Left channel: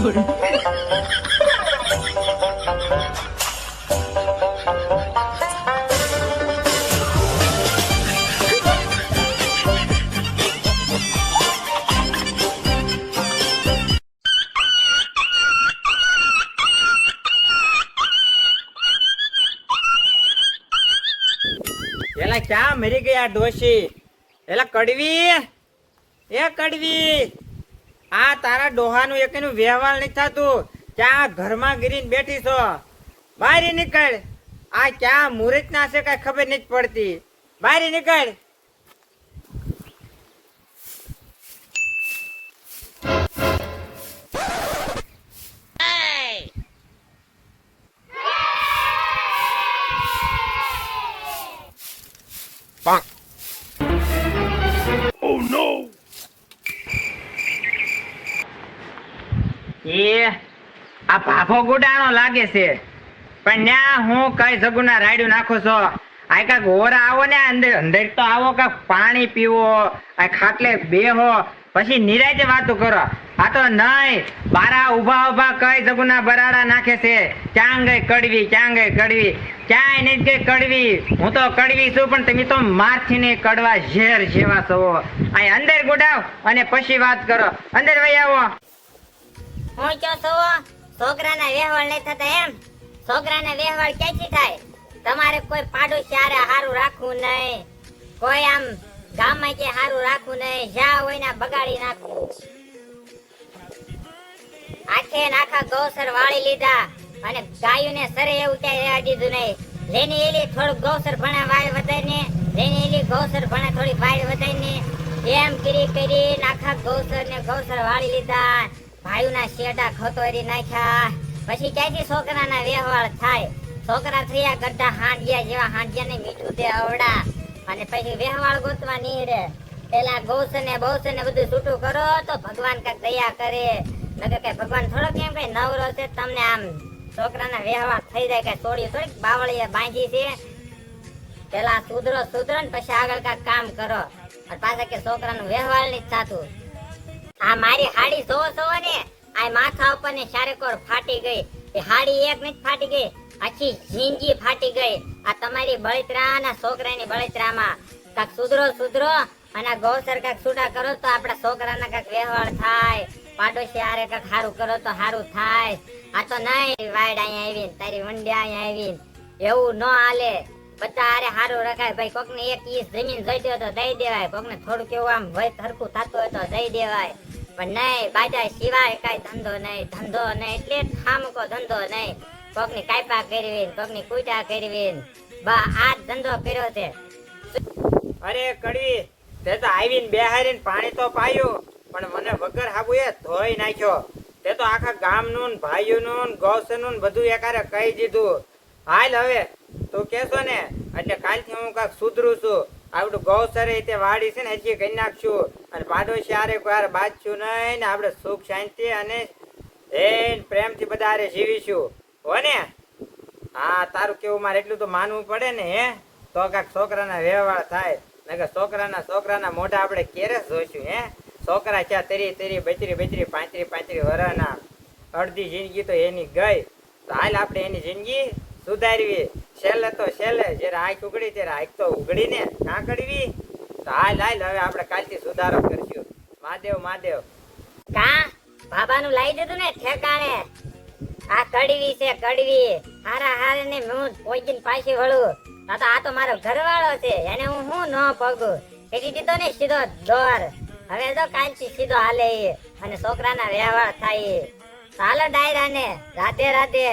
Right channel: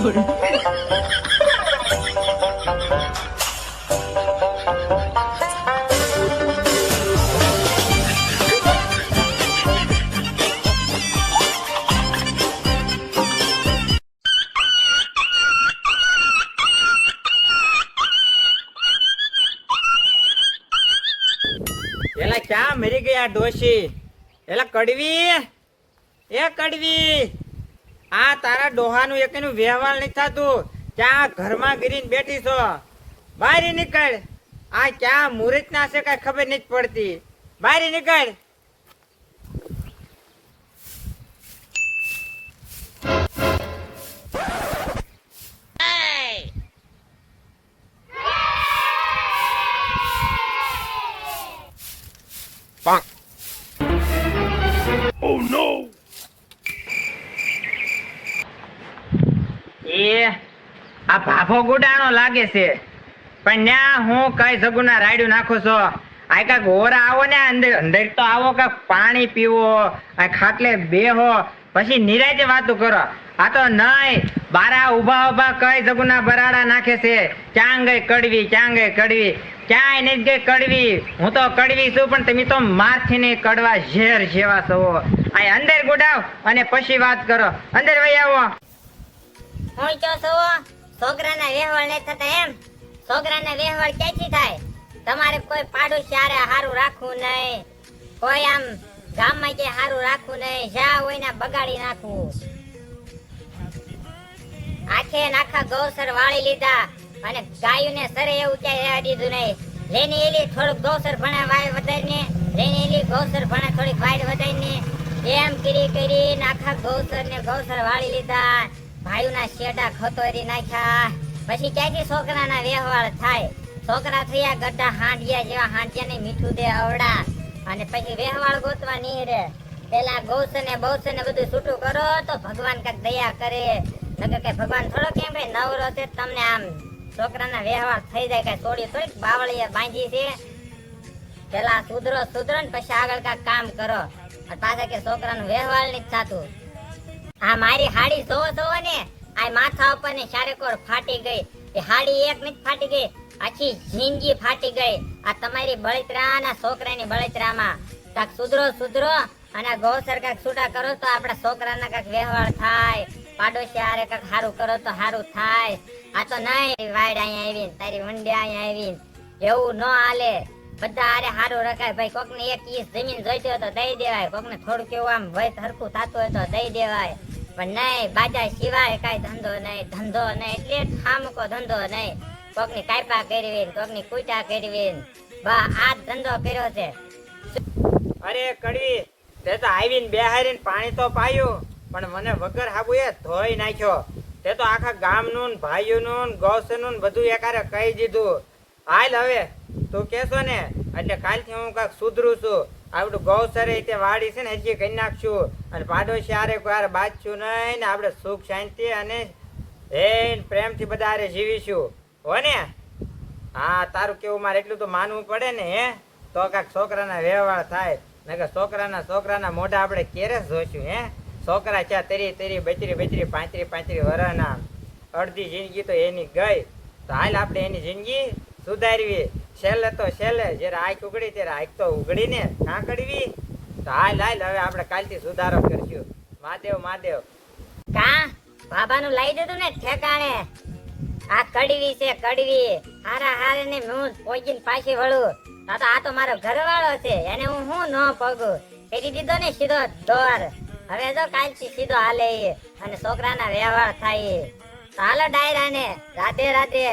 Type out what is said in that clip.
એલા ક્યાં મરી ગયા ડોશી? એલા કડવી, એ કડવી, આ તારા ડોહાનું એકનું વ્યવહાર નથી થતું. ક્યાં ઘરમાં ગીરીને બેઠી છો? બહાર નીકળ. આ ક્યાં મુહૂર્ત ના છે કઈ ખબર નથી પડતી. બહાર નીકળ. Oh no! આ ભાફો ગુડાણો લાગે છે, પણ ન્યા હું કઈ સગુના રાડ્યું નાખું છો. આ કાક હોરા આવો ને અંદર અંદર તો આવો, કાક પાણી પીવો, આ ખાટલે બેહો, પછી નિરાતે વાતો કરો. આ તો નહીં, બારા ઉભા ઉભા કઈ સગુના બરાડા નાખે છે. ક્યાં ગઈ કડવી, ક્યાં ગઈ કડવી? ક્યાંય નથી ગઈ કડવી. હું તો કડવી છું, પણ તમે તો મારથી ને કડવા ઝેર જેવા છો. આ અંદર ગુડાવ અને પછી વાત કરો. અંદર વહી આવો. છોકરાના વ્યવહાર નહીં થતા એમ? છોકરાના વ્યવહાર ક્યાંથી થાય? તમારે કોઈ પાડોશી હારે હારું રાખવું નહીં, કોઈ આમ ગામમાં કે હારું રાખવું નહીં, જ્યાં હોય ને બગાડી નાખવું. આખે આખા ગૌસર વાળી લીધા અને ગાયોને સરે એવું ક્યાંય રહેવા દીધું નહીં. જેની એની થોડુંક ગૌસર ભણે વાય વધારીને, જેની એની ગૌસર ભણે થોડીક વાય વધારીને, એમ કરી આખા ગૌસર વાળી લીધા. ભાઈઓના શેડા ખતોરી નાખ્યા. પછી ક્યાંથી છોકરાના વ્યવહાર થાય? છોકરા થયા ગઢા હાંડિયા જેવા, હાંડિયાને મીઠું દે અવડા, અને પછી વ્યવહાર ગોતવા નીકળે. પેલા ગૌસર ને બૌસર ને બધું છૂટું કરો તો ભગવાન કઈક દયા કરે. નકર કઈ ભગવાન થોડો કેમ કઈ નવરો છે તમને આમ છોકરાના વ્યવહાર થઈ જાય. કઈ છોડી થોડી બાવળિયા બાંધી છે. પેલા સુધરો ને પછી આગળ કઈક કામ કરો. પાછા કે છોકરાનું વ્યવહાર નથી થતું. આ મારી હાડી જોવો ને, આ માથા ઉપર ને ચારેકોર ફાટી ગઈ. એ હાડી એક મિનિટ ફાટી ગઈ, આખી જિંદગી ફાટી ગઈ. આ તમારી બળતરા ના છોકરાની બળતરામાં કાક સુધરો અને ગૌસર કાક છૂટા કરો તો આપડા છોકરાના કાક વ્યવહાર થાય. પાડોશી હારે કાક સારું કરો તો સારું થાય. આ તો નહીં વાડ અહીંયા આવીને તારી વંડે અહીંયા આવીને એવું ન હાલે. બધા હારે સારું રખાય. ભાઈ કોક ને એક ઈસ જમીન જોઈતી હોય તો દઈ દેવાય, કોક ને થોડું કેવું આમ ભય હરખું થતું હોય તો દઈ દેવાય. પણ નહીં, બાજા સિવાય કઈ ધંધો નહીં એટલે ખામકો ધંધો નહીં. કોક ની કાપા કરવી, કોક ની કુટા કરવી, બા આ ધંધો કર્યો છે. અરે કડવી, તે તો આવીને બેહારીને પાણી તો પાયું, પણ મને વગર હાબુ એ ધોઈ નાખ્યો. તે તો આખા ગામનું ભાઈઓનું ગૌસરનું બધું એકારે કહી દીધું. હાલ હવે તું કેશો ને એટલે કાલથી હું કાંઈક સુધરું છું. આવડું ગૌસરે તે વાડી છે ને હજી કરી નાખશું, અને પાડોશી હારે કોઈ હારે બાજશું નહીં ને આપણે સુખ શાંતિ અને પ્રેમથી બધા હારે જીવીશું હો ને. હા, તારું કેવું મારે એટલું તો માનવું પડે ને. હે તો કાંઈક છોકરાના વ્યવહાર થાય. નકર છોકરાના મોઢા આપણે ક્યારે જોઈશું? હે છોકરા છે તેરી બચરી 35 વર્ષના, અડધી જિંદગી તો એની ગઈ. તો હાલ આપણે એની જિંદગી સુધારવી. છેલ્લે તો છેલ્લે જયારે આંખ ઉગડી ત્યારે આંખ તો ઉગડી ને કાં કડવી. તો હાલ હવે આપણે કાલથી સુધારો કરશું. મહાદેવ કા બાબાનું લાવી દીધું ને ઠેકાણે. આ કડવી છે કડવી, હારે ને હું પોઈજીન પાછી વળું. આ તો મારો ઘરવાળો છે, એને હું ન પગું. એની દીધો ને સીધો દોર. હવે તો કાલથી સીધો હાલે અને છોકરાના વ્યવહાર થાય. હાલે ડાયરા ને રાધે રાધે.